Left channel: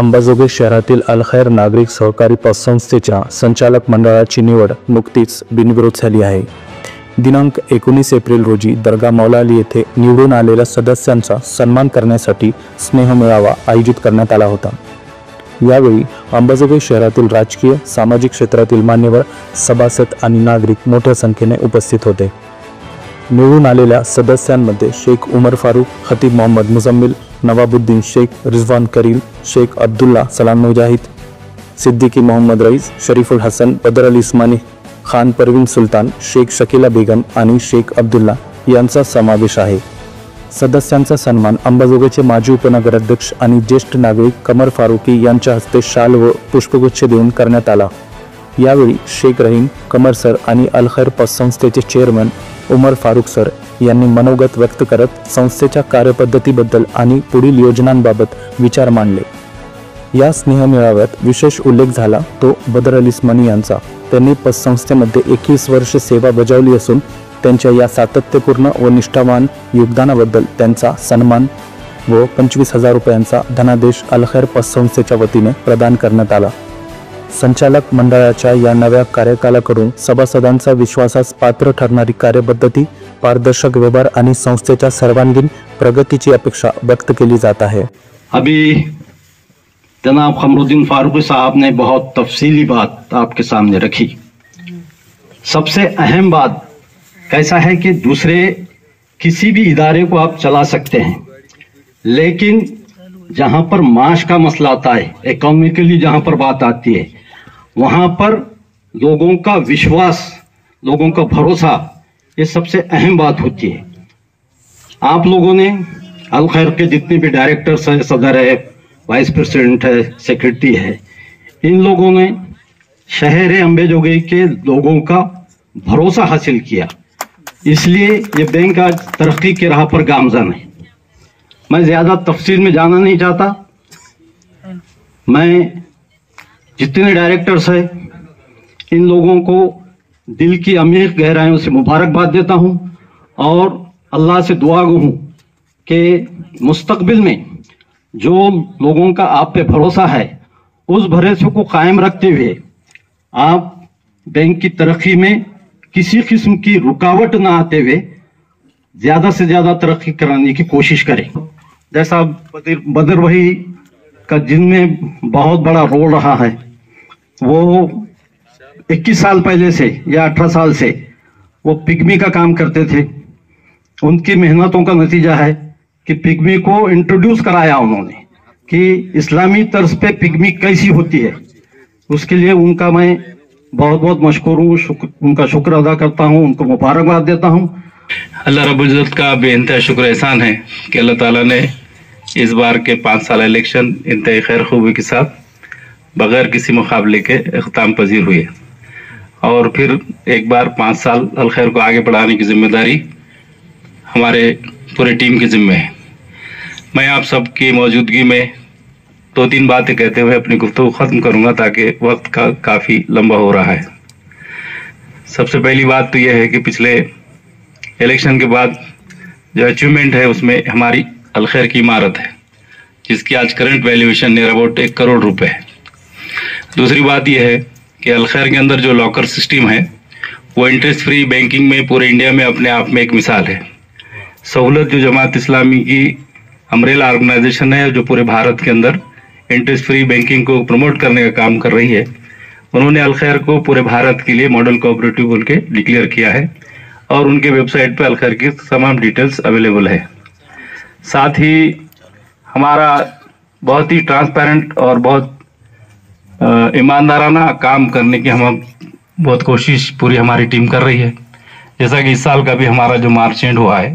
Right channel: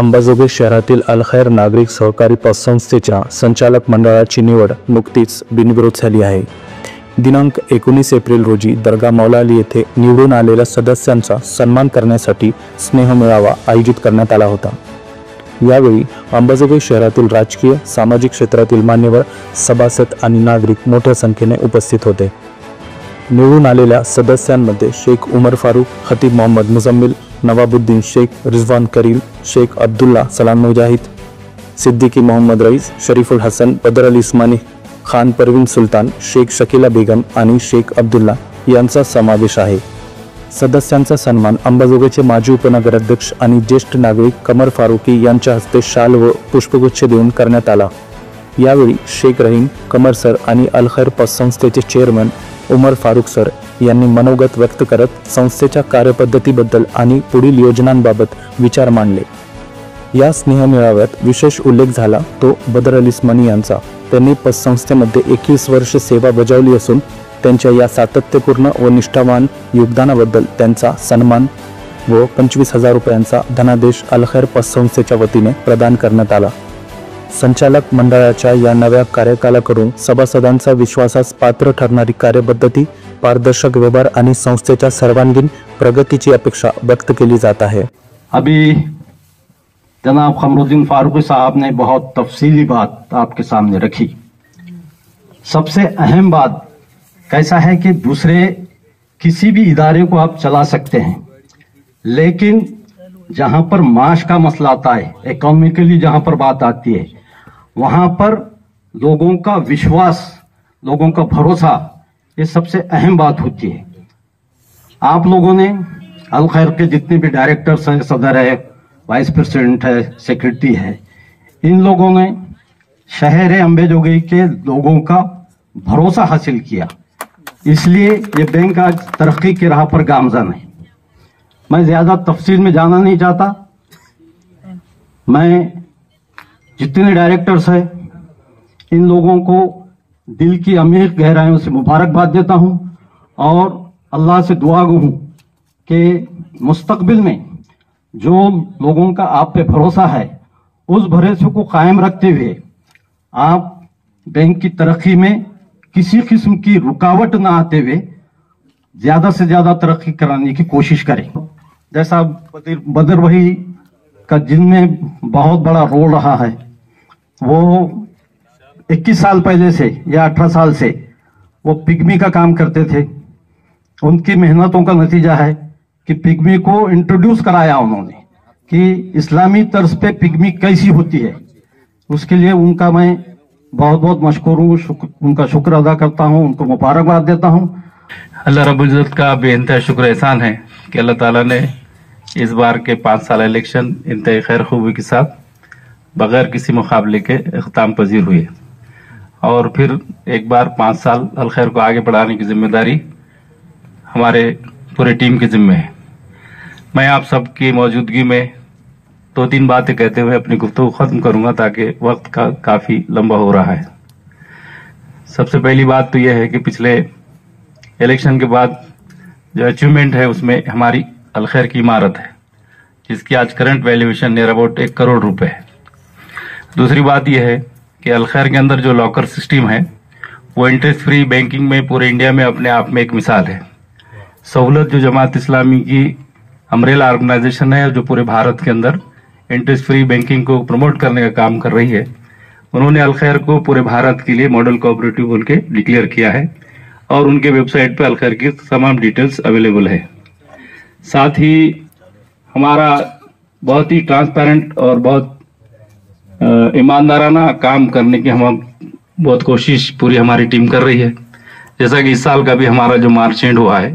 अंबाजोगाई शहरातील अलखैर नागरिक सहकारी पतसंस्थेच्या संचालक मंडळाची निवड नुकतीच बिनविरोध झाली आहे। दिनांक 19 एप्रिल रोजी दर्गा मौलाली येथे निवडून आलेल्या सदस्यांचा सन्मान करण्यासाठी स्नेह मेळावा आयोजित करण्यात आला होता। यावेळी अंबाजोगाई शहरातील राजकीय सामाजिक क्षेत्रातील मान्यवर सभासद आणि नागरिक मोठ्या संख्येने उपस्थित होते। निवडून आलेल्या सदस्यांमध्ये शेख उमर फारूक, खतीब मोहम्मद मुजम्मिल, नवाबुद्दीन शेख, रिजवान करील, शेख अब्दुल्ला, सलाम मुजाहिद, सिद्दीकी मोहम्मद रईस, शरीफुल हसन, बदर अली इस्मानी, खान परवीन सुलतान, शेख शकीला बेगम आणि शेख अब्दुल्ला यांचा समावेश आहे। सदस्यांचा सन्मान अंबाजोगाईचे माजी उपनगराध्यक्ष आणि ज्येष्ठ नागरिक कमर फारुकी यांच्या हस्ते शाल व पुष्पगुच्छ देऊन करण्यात आला। यावेळी शेख रहीम, कमर सर आणि अलखैर पतसंस्थेचे चेअरमन उमर फारूक सर यांनी मनोगत व्यक्त करत संस्थेच्या कार्यपद्धतीबद्दल आणि पुढील योजनांबाबत विचार मांडले। या स्नेह मेळाव्यात विशेष उल्लेख झाला तो बदर अली इस्मानी यांचा। त्यांनी पतसंस्थेमध्ये 21 वर्ष सेवा बजावली असून त्यांच्या या सातत्यपूर्ण व निष्ठावान योगदानाबद्दल त्यांचा सन्मान व 25,000 रुपयांचा धनादेश अलखैर पतसंस्थेच्या वतीने प्रदान करण्यात आला। संचालक मंडळाच्या या नव्या कार्यकालाकडून सभासदांचा विश्वासास पात्र ठरणारी कार्यपद्धती, पारदर्शक व्यवहार आणि संस्थेच्या सर्वांगीण प्रगतीची अपेक्षा व्यक्त केली जात आहे। अभी जनाब कमरुद्दीन फारूकी साहब ने बहुत तफसीली बात आपके सामने रखी। सबसे अहम बात ऐसा है कि दूसरे किसी भी इदारे को आप चला सकते हैं, लेकिन जहां पर माश का मसला आता है, इकोनॉमिकली जहां पर बात आती है, वहां पर लोगों का विश्वास, लोगों का भरोसा, ये सबसे अहम बात होती है। आप लोगों ने अलखैर के जितने भी डायरेक्टर्स हैं, सदर है, वाइस प्रेसिडेंट है, सेक्रेटरी है, इन लोगों ने शहर अंबाजोगाई के लोगों का भरोसा हासिल किया, इसलिए ये बैंक आज तरक्की की राह पर गामजन है। मैं ज्यादा तफसील में जाना नहीं चाहता। मैं जितने डायरेक्टर्स हैं इन लोगों को दिल की अमीर गहराइयों से मुबारकबाद देता हूं और अल्लाह से दुआ गो हूं कि मुस्तकबिल में जो लोगों का आप पे भरोसा है उस भरोसे को कायम रखते हुए आप बैंक की तरक्की में किसी किस्म की रुकावट ना आते हुए ज्यादा से ज्यादा तरक्की कराने की कोशिश करें। जैसा बदर भाई का जिनमें बहुत बड़ा रोल रहा है, वो 21 साल पहले से या 18 साल से वो पिग्मी का काम करते थे। उनकी मेहनतों का नतीजा है कि पिग्मी को इंट्रोड्यूस कराया उन्होंने कि इस्लामी तर्ज पे पिग्मी कैसी होती है। उसके लिए उनका मैं बहुत बहुत मशकूर हूँ, उनका शुक्र अदा करता हूँ, उनको मुबारकबाद देता हूँ। अल्लाह रब्बुल इज्जत का बेइंतहा शुक्र एहसान है कि अल्लाह ताला ने इस बार के 5 साल इलेक्शन इंतहाई खैर खूबी के साथ बगैर किसी मुकाबले के इख्ताम पजीर हुए और फिर एक बार 5 साल अलखैर को आगे बढ़ाने की जिम्मेदारी हमारे पूरे टीम की जिम्मे है। मैं आप सबकी मौजूदगी में 2-3 बातें कहते हुए अपनी गुफ्तगू खत्म करूंगा ताकि वक्त का काफ़ी लंबा हो रहा है। सबसे पहली बात तो यह है कि पिछले इलेक्शन के बाद जो अचीवमेंट है उसमें हमारी अलखैर की इमारत है जिसकी आज current valuation near about 1 crore रुपए है। दूसरी बात यह है कि अलखैर के अंदर जो लॉकर सिस्टम है वो इंटरेस्ट फ्री बैंकिंग में पूरे इंडिया में अपने आप में एक मिसाल है। सहूलत जो जमात इस्लामी की अम्ब्रेला ऑर्गेनाइजेशन है जो पूरे भारत के अंदर इंटरेस्ट फ्री बैंकिंग को प्रमोट करने का काम कर रही है, उन्होंने अलखैर को पूरे भारत के लिए मॉडल कोऑपरेटिव बोल के डिक्लेयर किया है और उनके वेबसाइट पर अलखैर की तमाम डिटेल्स अवेलेबल है। साथ ही हमारा बहुत ही ट्रांसपेरेंट और बहुत ईमानदाराना काम करने की हम बहुत कोशिश पूरी हमारी टीम कर रही है। जैसा कि इस साल का भी हमारा जो मार्च एंड हुआ है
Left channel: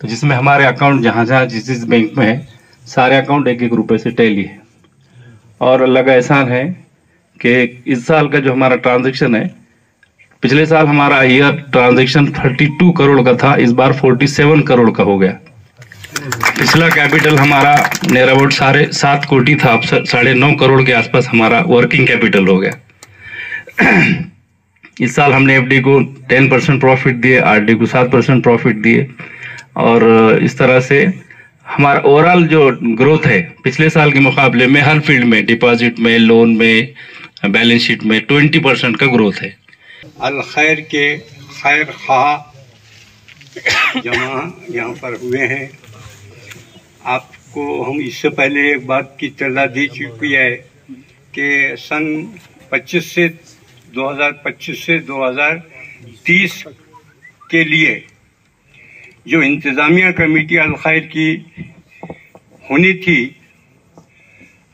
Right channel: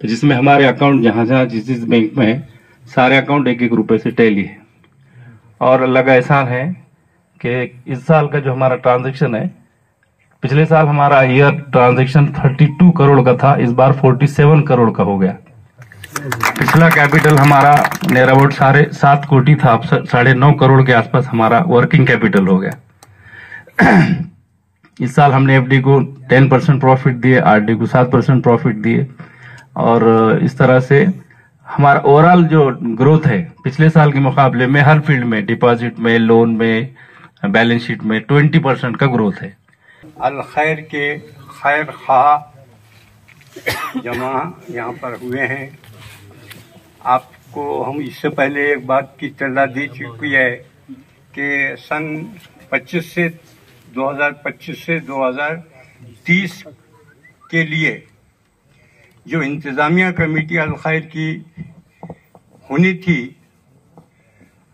तो जिसमें हमारे अकाउंट जहां जहां जिस बैंक में है सारे अकाउंट 1-1 रुपए से टैली है और अल्लाह का एहसान है कि इस साल का जो हमारा ट्रांजैक्शन है, पिछले साल हमारा ईयर ट्रांजैक्शन 32 करोड़ का था, इस बार 47 करोड़ का हो गया। पिछला कैपिटल हमारा नियर अबाउट 7.5 कोटी था, अब 9.5 करोड़ के आसपास हमारा वर्किंग कैपिटल हो गया। इस साल हमने एफडी को 10% प्रॉफिट दिए, आरडी को 7% प्रॉफिट दिए और इस तरह से हमारा ओवरऑल जो ग्रोथ है पिछले साल के मुकाबले में हर फील्ड में, डिपॉजिट में, लोन में, बैलेंस शीट में 20% का ग्रोथ है। अल खैर के खैर खा जमा यहाँ पर हुए हैं। आपको हम इससे पहले एक बात की इत्तला दी चुकी है कि सन 2025 से 2030 के लिए जो इंतज़ामिया कमेटी अल खैर की होनी थी,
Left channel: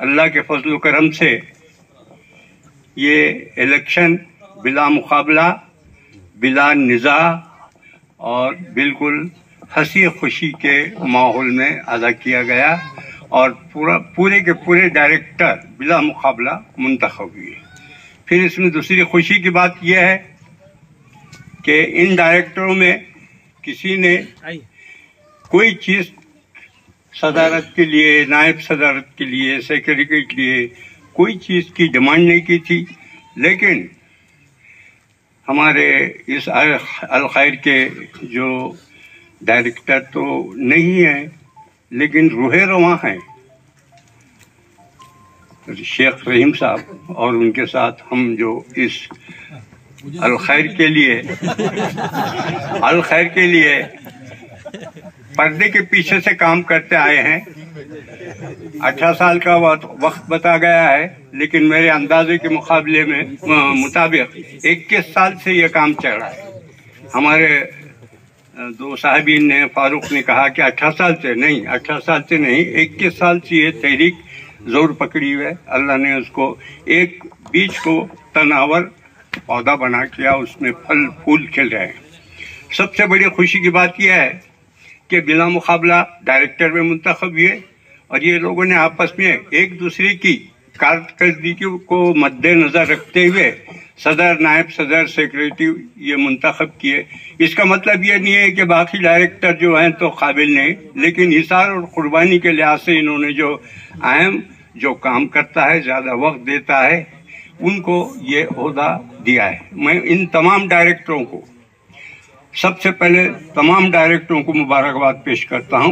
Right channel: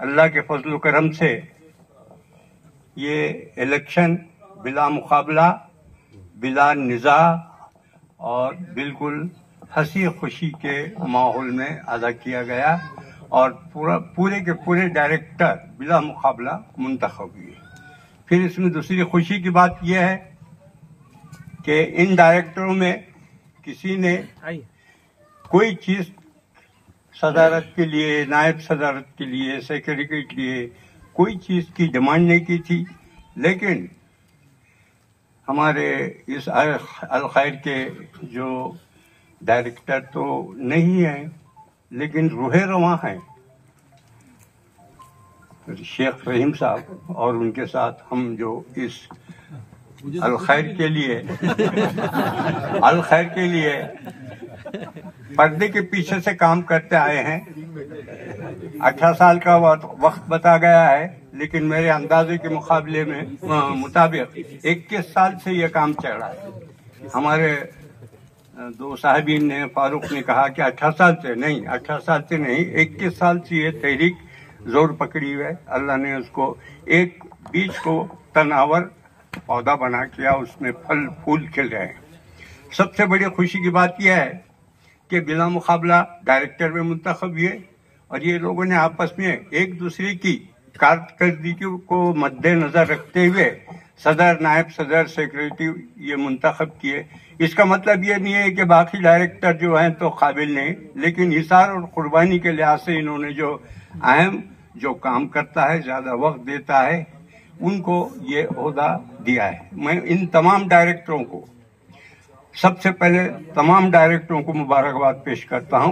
अल्लाह के फजल करम से ये इलेक्शन बिला मुकाबला, बिला निज़ा और बिल्कुल हंसी खुशी के माहौल में अदा किया गया और पूरे के पूरे डायरेक्टर बिला मुकाबला मुंतखब हुए। फिर इसमें दूसरी खुशी की बात यह है कि इन डायरेक्टरों में किसी ने कोई चीज सदारत के लिए, नायब सदारत के लिए, सेक्रेटरी के लिए कोई चीज की डिमांड नहीं की थी, लेकिन हमारे इस अल खैर के जो डायरेक्टर तो नहीं है लेकिन रूहे रवां हैं, शेख रहीम साहब, और उनके साथ हम जो इस अल खैर के लिए पर्दे के पीछे से काम करते आए हैं। 18 साल का वक्त बता गया है, लेकिन मेरे अंदाजे के मुकाबले में मुताबिक 21 साल से यह काम चल रहा है। हमारे दो साहिबीन ने, फारूक ने कहा कि 18 साल से नहीं, 21 साल से ये तहरीक जोर पकड़ी हुई है। अल्लाह ने उसको एक बीज को तनावर पौधा बना किया, उसमें फल फूल खिल रहे हैं। सबसे बड़ी खुशी की बात यह है कि बिला मुकाबला डायरेक्टर में मुंतखब हुए और ये लोगों ने आपस में एक दूसरे की कारकर्दगी को मद्देनजर रखते हुए सदर, नायब सदर, सेक्रेटरी ये मुंतखब किए। इसका मतलब ये नहीं है कि बाकी डायरेक्टर जो हैं तो काबिल नहीं, लेकिन हिसार और कुर्बानी के लिहाज से इन्होंने जो अहम जो काम करता है, ज्यादा वक्त देता है, उनको ये ओहदा दिया है। मैं इन तमाम डायरेक्टरों को, सबसे पहले तमाम डायरेक्टरों को मुबारकबाद पेश करता हूं।